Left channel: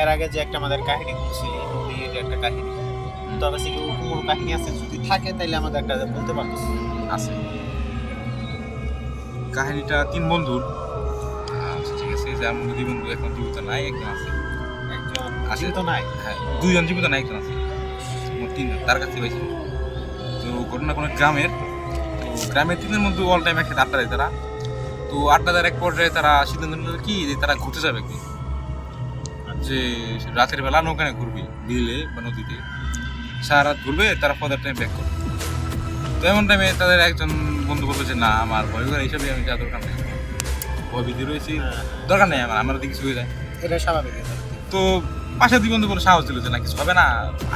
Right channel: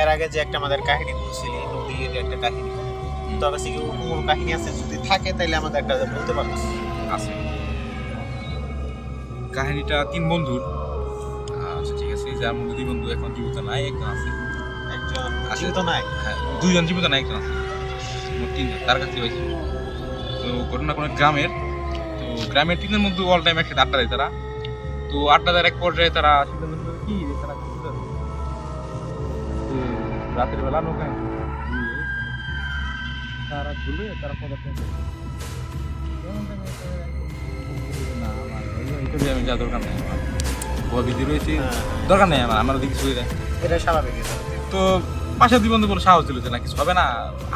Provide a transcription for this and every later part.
এর আগে যে একটা আমাদের কাহিনী বলছিলি নদীর একটা কাহিনী, তবে সে কি ওরকম কোনো কাহিনী আছে? যদি থাকে তাহলে আমাদের একটা বলতে পারতিস। আছে। কাহিনীটা 3 বন্ধুর। আচ্ছা ঠিক আছে, যার মধ্যে 2 বন্ধু এখন জীবিত নাই, একজন আছে। একজন আছে। জীবিত নাই? হ্যাঁ, 2 জন জীবিত নাই, একজন আছে। মোট 3 জন, তার কাছে পাইছি। তো ঘটনা কোনো গ্রামের, তো গ্রামের 3 জনের মধ্যে অল টাইম একসাথে আড্ডা দেয় তারা। তো আড্ডা দেওয়ার এক পর্যায়ে তারা সিদ্ধান্ত নিল কি যে তারা ঘুরতে যাবে একদিন, যে রাতের বেলা নৌকা নিয়ে ঘুরবে বিলে বা নদীতে, সারা রাত ঘুরবে, তারা ফদার টাইম ব্যাক করবে। তো এমন টাইমে তাদের একজন বন্ধু বললো যে না, আমার ভয় করে এইসবে আমি যাওয়ার দরকার নেই, আমার ভয় ভীতি রয়েছে, দরকার নেই আমার দিকে কিছু হয়ে যায়। এটা স্বাভাবিক। তো পাশের 2 বন্ধু বলে সাহস দিল যে না, কিছু হবে না,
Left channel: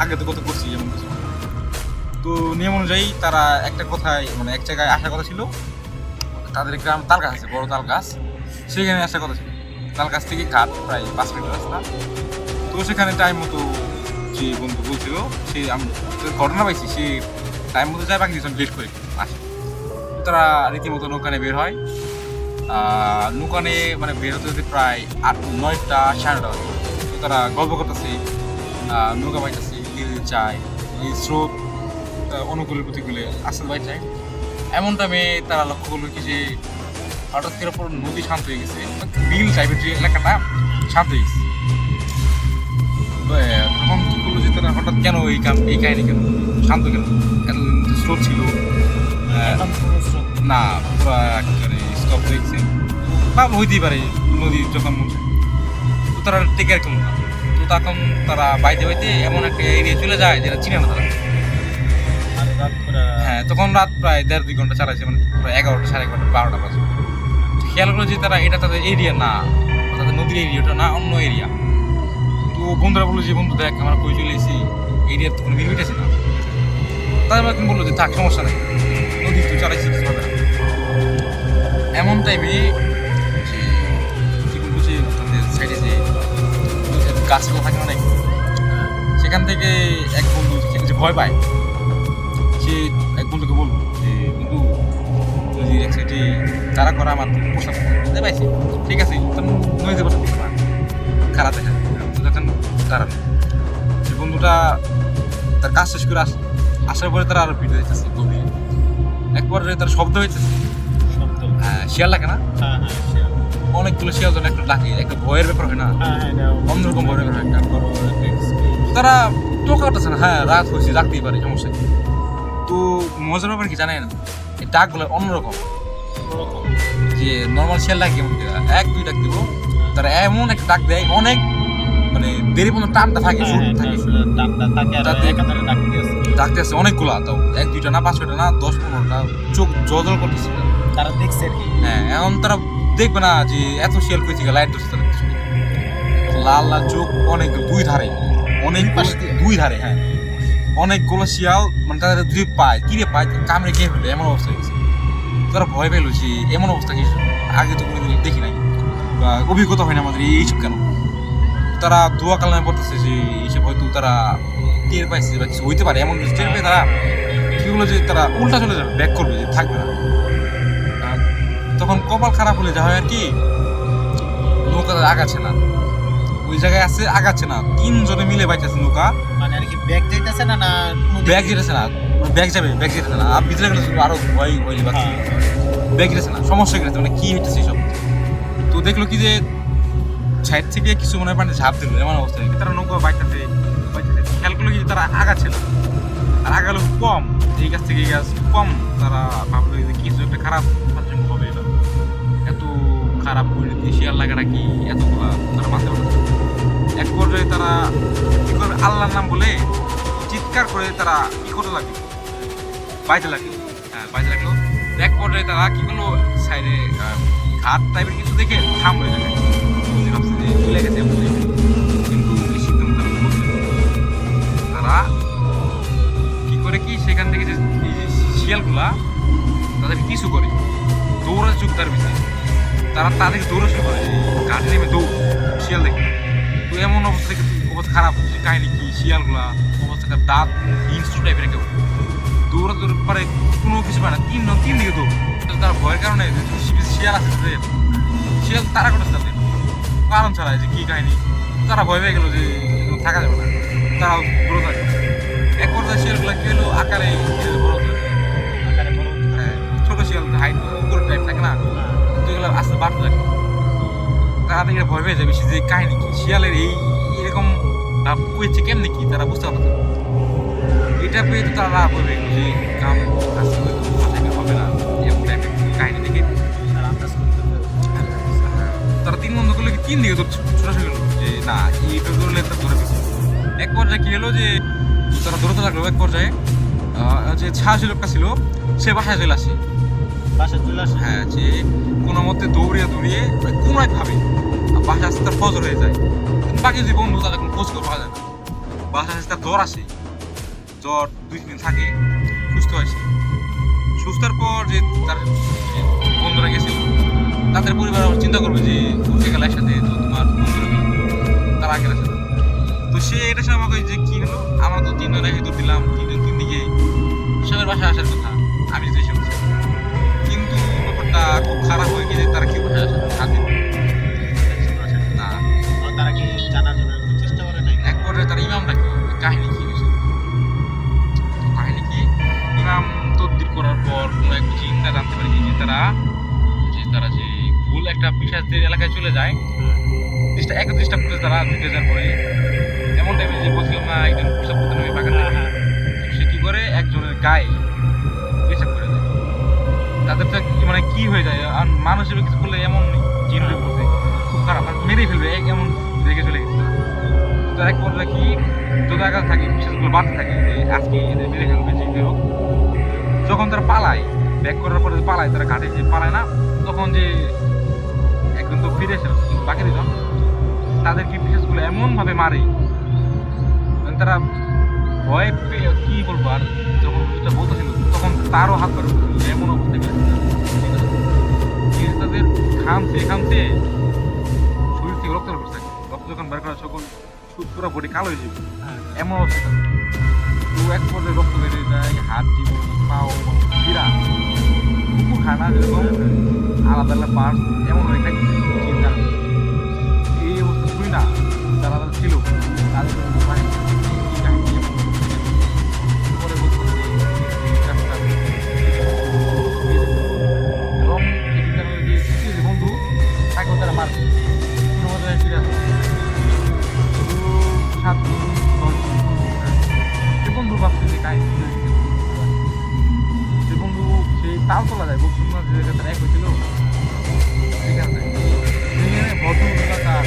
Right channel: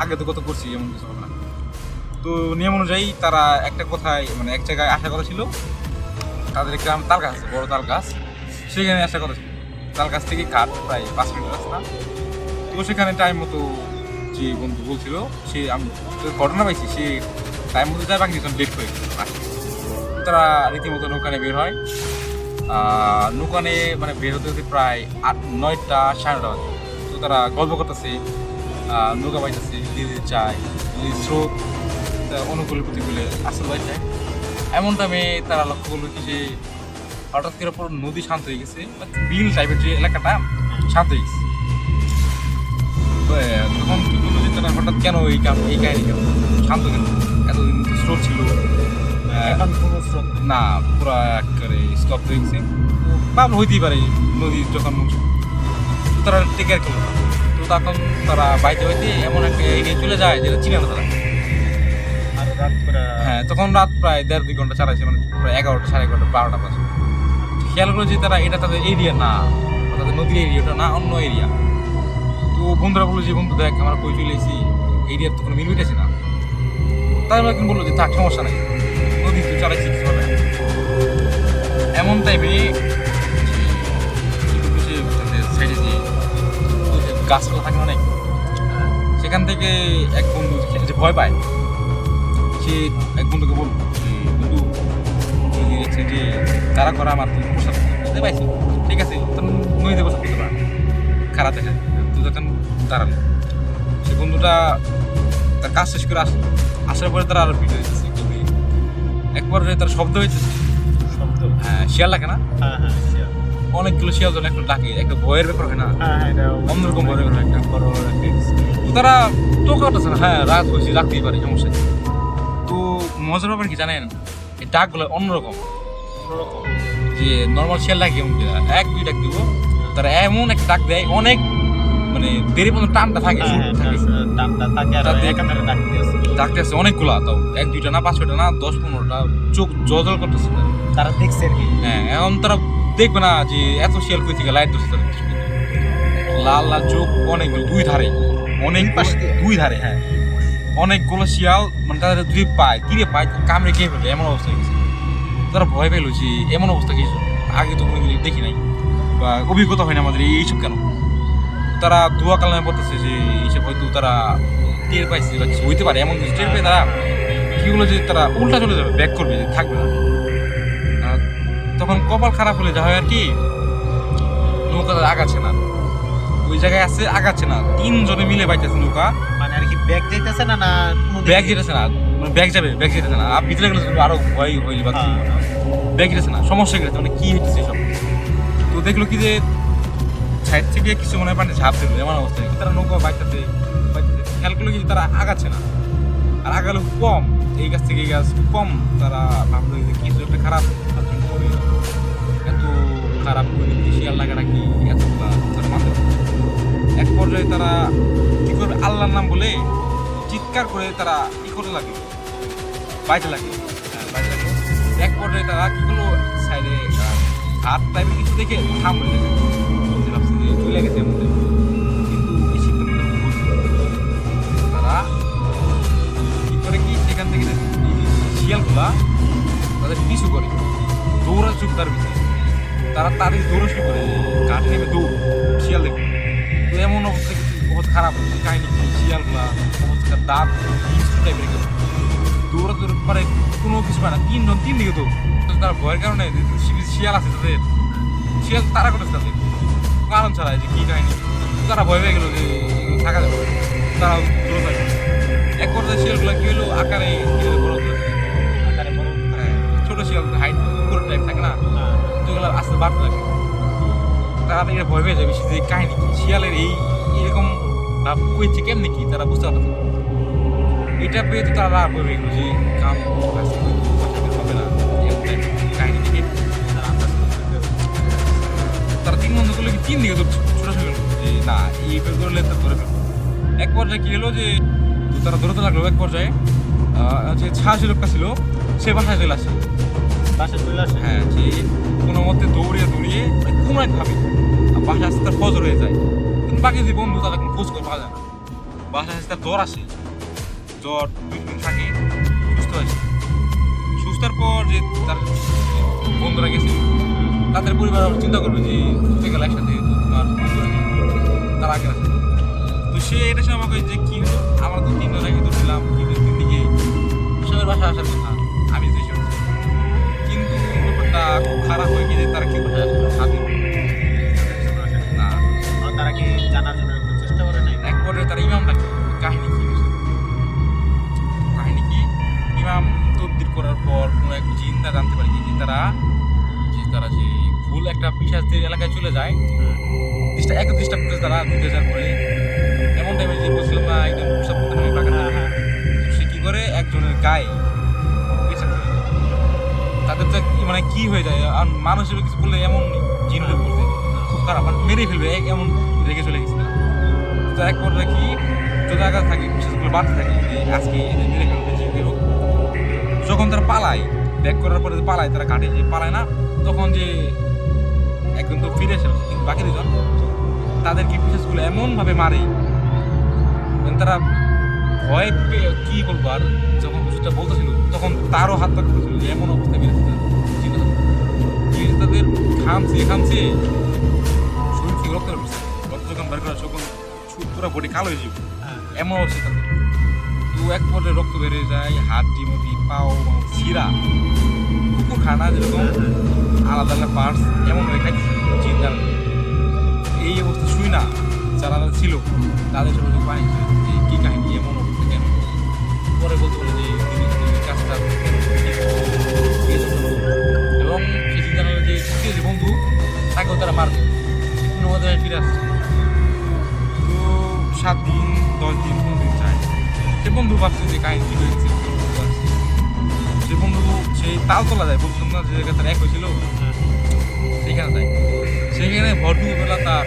আগে তো কত করছি, এমন কিছু হবে না। তো নিয়ম অনুযায়ী তারা একটা কথায় মানে এক জায়গায় আসার কথা ছিল। তাদের গ্রাম তাল গাছ আছে, বড় তাল গাছ, সেখানে আসার কথা ছিল। তাল গাছ থেকে ঘাট প্রায় 5 মিনিট রাস্তা। তো সেখানে টাইম মতো যে বন্ধু বলছিল, সে আমি ঘটনা পাইছি, সে টাইম মতো যায়, বাকি ডেট করে আসে। তারা রীতিমতো নৌকানে বের হয়। নৌকানে মানে বের হতে হতে প্রায় 9টা 9:30 বাজে। তো তারা গল্প করতেছে, নৌকা বাইতেছে, ধীরে যায়, স্রোত অনুকূলের প্রতিকূলে আসল বাইচায়। এমন টাইমে তারা লক্ষ্য করলো কি যে হঠাৎ করে পুরো নদী শান্ত হয়ে গেছে, বিল টাইপের যে এলাকাটা শান্ত হয়ে গেছে। তো তখন কি করলো যে তারা হঠাৎ কেন এই কাহিনী কেন শান্ত, কেন এত স্রোত ছিল এখন কোনো স্রোত না, পুরো একেবারে স্টপ হয়ে গেছে। বা হইতেই পারে নদী যখন মুছে, তো তারা টেকার কেমন না। তো তখন তারা বাইতে বাইতে এমন একটা এরিয়া চলে যায় যেটা চিনে না তারা। আর রাত করে হ্যাঁ, তখন রাত প্রায় 1.5-2 ঘন্টা চালাইছে, মানে প্রায় 11টা 11:30 12টা বাজে। খেয়াল করলো যে তারা এটা তাদের এরিয়া না, তাদের নদীর এরিয়াটা না, অন্য এরিয়া। তো বন্ধুরা বললো যে বন্ধু দেখ, আমরা কই চলে এসেছি, এরিয়ার তো কোনো মিল মিটেছে না। তাদের একদিন বললো যে থাক, সমস্যা নেই, নদী তো চালাইছি, কিছু হবে না। এমন টাইমে তাদের সাইডে যে গাছপালা থাকে অনেক, সেখান থেকে এক বন্ধু যে ভয় পায়, সে এক বন্ধুকে বলল যে বন্ধু, যদি হচ্ছে যে তারা করা আমার পোশাক করতে পাইছি, ঠিক আছে, নদীতে পোশাক করতে পারে, খারাপ দেখা তখন দাঁড়ানো। সে বন্ধুটা তার কাজ শেষ করে আসার পরে তারা আরো ভিডিও দিতেছে গভীর। এক পর্যায়ে তার শব্দ হইতেছে, শব্দ। হ্যাঁ, শিয়াল লাগে না, হ্যাঁ হ্যাঁ শিয়াল। অনেকগুলো শিয়াল যেন একটা ডাকে, একটা ভয়ের ব্যাপার হয় না, হ্যাঁ হ্যাঁ, এটা অন্যরকম ভয়ের ব্যাপার হয় একটা। বড় একটা experience। তো তারা টোকা উঠতেছে না, হ্যাঁ রাত হয়েছে, রাখতেই পারে, সমস্যা কি। তো মজার ব্যাপার কি জানেন, এই ডাকগুলো অন্যরকম। ওরকম। যে নর্মাল শিয়াল ডাক কেমন দেওয়া, 1-2 ডাক দিব, তারা এমন একটা ডাক দেয়, অনেক মানে দেরি পর্যন্ত টানটা থাকে, হ্যাঁ সুর হ্যাঁ, থাকে, টানটা থাকে আর তাতে- একাধারে ডাকতে আছে। ডাকতে আছে অনেকগুলা, তাও 1-2টা না, 5-6টা না, 10-15টা, চোখ জল করতেছে। তারা দেখছে আর কি। হ্যাঁ, এখন তারা দেখবে না যে এত শিয়াল কই থেকে লাইট ধরছে তাদের চোখে। লাল লাল চোখ, অনেকগুলো, 2 ধারে, অনেক পাশ দিয়ে? 2 ধারে, হ্যাঁ, অনেকগুলো শিয়াল, মানে তাদের যদি পায়, তীরে পায়, কামড়ে খেয়ে ফেলে, এমন অবস্থা হয়েছে। তারা ভয় পেলো যে এমন অবস্থা কি আগে তো কোনোদিন দেখি নাই, বা অভিজ্ঞতা হয় না আমাদের এইসব কেন। তারা দোয়া কালামে পড়তেছে যে এইসব হয়তো তারা টের পাইছে বা কিছু হইতে পারে, এমন কিছু টের পেয়ে তারা কি হলো যে তারা উল্টা চলে যাবে, ব্যাক করবে, যে থাকবে না। আর তখন কপাল খারাপ হলে যা হয় আর কি, নৌকা আগাচ্ছে না, ওই জায়গায় আছে, আগাচ্ছে না, 3 জনে মিলে বাইতেছে নৌকা। মানে আর কি ব্যাগ যাইতেছে না, না ব্যাগ যেতেছে না, মানে ব্যাগ যেতেছে না, আর ভিতরে গেলে আরো ভয় হইলে বা ব্যাগ যেতেছে না, সমস্যা গেছে, মানে কি হইতেছে সব। তো দেখলো কি যে সাইড থেকে কিছু মনে হয় পানি ঝাঁপ দিল, এমন অবস্থা নাকি তারা নৌকা বাইতেছে, খেয়াল করলো কি যে তারা আগাচ্ছে না, আর আগালো কম, এই গাছ থেকে এই গাছ কম। তারা ভাবলো যে কিছু একটা খারাপ হবে, এত খারাপ পরিণতি, শিয়াল লাগাটা কি এতগুলা, তারা মানতে পারছে না। এক পর্যায়ে তারা কি করবে, আল্লাহর নাম বলে চিৎকার করে তারা কি করতে লাগলো, বাইতে লাগলো, হ্যাঁ বাইতে লাগলো। এক পর্যায়ে তারা কি করলো, সাইডে ঘাট টাইপের কিছু দেখে থামবে, ভাবছে যে চলে গেছে এমনি। কিন্তু এই সিদ্ধান্ত ভুল। তারা কি করে কি, সেখান থেকে যে এই যে শিয়ালগুলা তাদের পিছু করে, দৌড়া চুপ তার ভিতরে, তারা তাদের দৌড়ে শুরু করে, ঘাট নেমে দৌড় শিয়াল দেখে। তো এমন অবস্থা অবস্থা খারাপ হচ্ছে, কাহিনি কি, শিয়ালগুলা অবস্থাটা দাঁত হিংস্র টাইপের কেমন, দৌড়াতে পারে, কোনো কিছু পায় না, 3 দিকে দৌড়। তার ভয়ের কারণে শিয়াল আছে, শিয়াল তারা করতেছে তাদের কারণ ছাড়া, যে কি কাহিনী তারা ভয় পেয়ে গেলো যে এগুলো থাকা যাবে না, তারা দূরে থাকে। এক পর্যায়ে শিয়ালগুলো কি হলো আকারে বড় হতে থাকে। আকারে বড় হতে থাকে। হ্যাঁ, ছোট শিয়াল হাইট কুকুর টাইপ থাকে না, হ্যাঁ। তো এগুলো আস্তে বাড়তে থাকে। তারা দেখে ভয় পেয়ে যাবে যে কাহিনী কি, শিয়ালের এরকম ভাব করেছে কেমনি কি তারা বুঝতে পারছে না। এটা পেয়ে তো তারা ভয় পেয়ে গেলো যে কাম আস্তে করে হবে না, এরকম একটা কাহিনী থেকে তারা আন্দাজ করতে তারা 3 বন্ধু করলে কি 3 দিকে তো ছোটাছুটি করলো যে না এইটা করলে তো ধরে পেয়েছে। এক পর্যায়ে কি হলো যে তারা ধরতে লাগলো। এক পর্যায়ে যে ছাড়ি লোকটা ছিল সে বাসায় চলে আসে। বাসায় চলে আসে। হ্যাঁ, যে কোনো মতে দৌড়িয়ে মানে কোনো একভাবে বাসায় আসতে তার ফজর হয়ে যায়। কিন্তু বাকি যে বন্ধু তাদের কোনো খোঁজ খবর পাওয়া যায় না। বাসায় আসতে তার জ্বর আসে, জ্বর 2 দিন থাকে, সুস্থ হয়েছে। সুস্থর পর যে তার বন্ধুরা গেছে, তাদের পরিবার আবার চিন্তা করবে যে সেগুলো একসাথে তো তোমার বন্ধুরা নেই, তারা আগে আসে। তো সে এটা সময় আমাকে যে কি হলো, আমরা তো 3 জন একই দিলাম, কিন্তু 3 দিকে সবার বাসায় আসার কথা আমি তো এসে বলছি। কিন্তু ব্যাপারটা খুব খারাপ হয়ে গিয়ে তারা কি বাসায় আসে না। আর তারা কি জানার জন্য কোনো চেষ্টা করে নাই? এক পর্যায়ে তারা ইমাম ডাকে, কাহিনী কি হয়েছে, কাহিনী কি ইমাম তদবির করার পর কোনো এক চিন্তা জানতে পারি যে তারা যে ভুল একটা পিশাচদের এলাকায় চলে যায়, ডিস্টার্ব করে তারা ঢুকে যাওয়ার পরে এমন টাইমে যে বলছিলাম না একজন পেশাব করতে নামে বাগান, সে কি করে একজনের গায়ে পেশাব করে যায়। তাদের তো মানে কি হয়ে যায়, আর মানুষ হিসেবে কিছু করলে এমন জিনরে বলতে খুব খারাপ, মানে মেরে ফেলবে এমন রেখে চলে গেছে তারা। তো এক পর্যায়ে কি তোদের আঘাত থাকে, বিশেষগুলো বাড়তে থাকে যে আজকে এদের মেরে ফেলবে যে কেউ। যখন তারা পালায়, ব্যাক করার পরে যে পালায়, তারা ঘাটে যে পালায় না, তখন যে একজন তো ফিরে এসে কিন্তু বাকি দুজন তাদের কি বিশেষগুলো এমনভাবে মারে মানে তারা ভয় পেয়ে কি বলবো। আর যখন কিছুটা বলতেছিল তখন তারও হাত তার করতেছিল যে এমন অবস্থায় তাদের খামছে শরীর থেকে রক্ত বেরোচ্ছে, রক্ত যখন বের করা তখন পুরো বডি কালো হয়ে যাবে এমন অবস্থা। তো এক পর্যায়ে রক্ত বেরিয়ে যায়, হাত ডিমুটি পাও শিরা কুকুর খানা যেরকম আলাদা আলাদা পার্টস এমন হয়ে খাইছে চিন্তা। এই অবস্থা শুই না যারা ছিল তাদের পানি কি কাহিনী এমন অবস্থা পরে বলতে যে কাজটা এবং এই চিন্তা করলো যে তৃতীয় যে বন্ধু তাকেও তারা মারবে কোনো মধ্যে ফিরে আসে। শুধু 7 দিন 10 দিন সে বন্ধু ভাবছে যে কাহিনী সে বন্ধু সেই তাল তোলা যায়, বলছিলাম না যে জায়গাটা এক হয়েছিল সেখানে যায়, সেখানে ভরপুরবেলা তার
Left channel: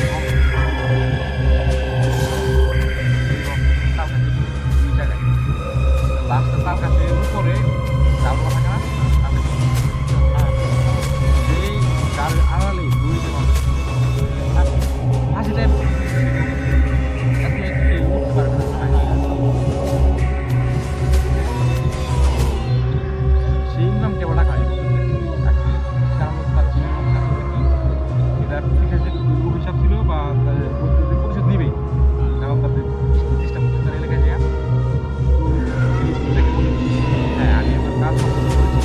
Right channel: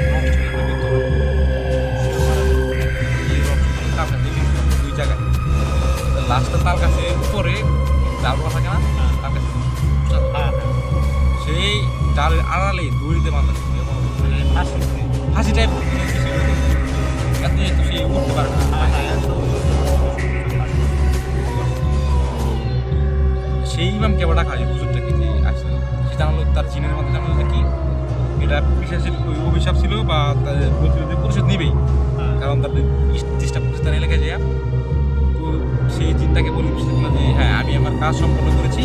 দুই জায়গায় লাস্টটা তার কাছে উপরে জাল বলা থাকে না, তার কাছে সেই জালের আড়ালে দড়িতে মাথা ফাঁসি টাইপ আপনি একটু সেই উঠতে পারবেন। সেই ইমামকে আবার ডাকা হয় হুজুরটা কিন্তু আসছে, সে জানালো তার জিনের মধ্যে জানালো কি এটা পিসাচের অভিশাপ ছিল বা তাদের বলছিল যে পরিশোধ নিবেই, কারণ তার ডিস্টার্ব করছে তার এলাকায় যায়। তো সেই জিনটাকে বলে যে হ্যাঁ আমি আমার কাজ সম্পন্ন করেছি,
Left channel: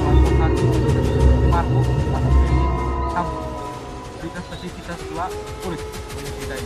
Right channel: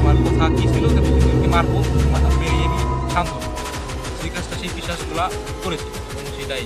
আমার কথা কী ছিল তুমি মারবো মাথা মেরে আমি শান্ত, সেই কাজটা সেই পিসাচগুলা করেছে এবং সেটাই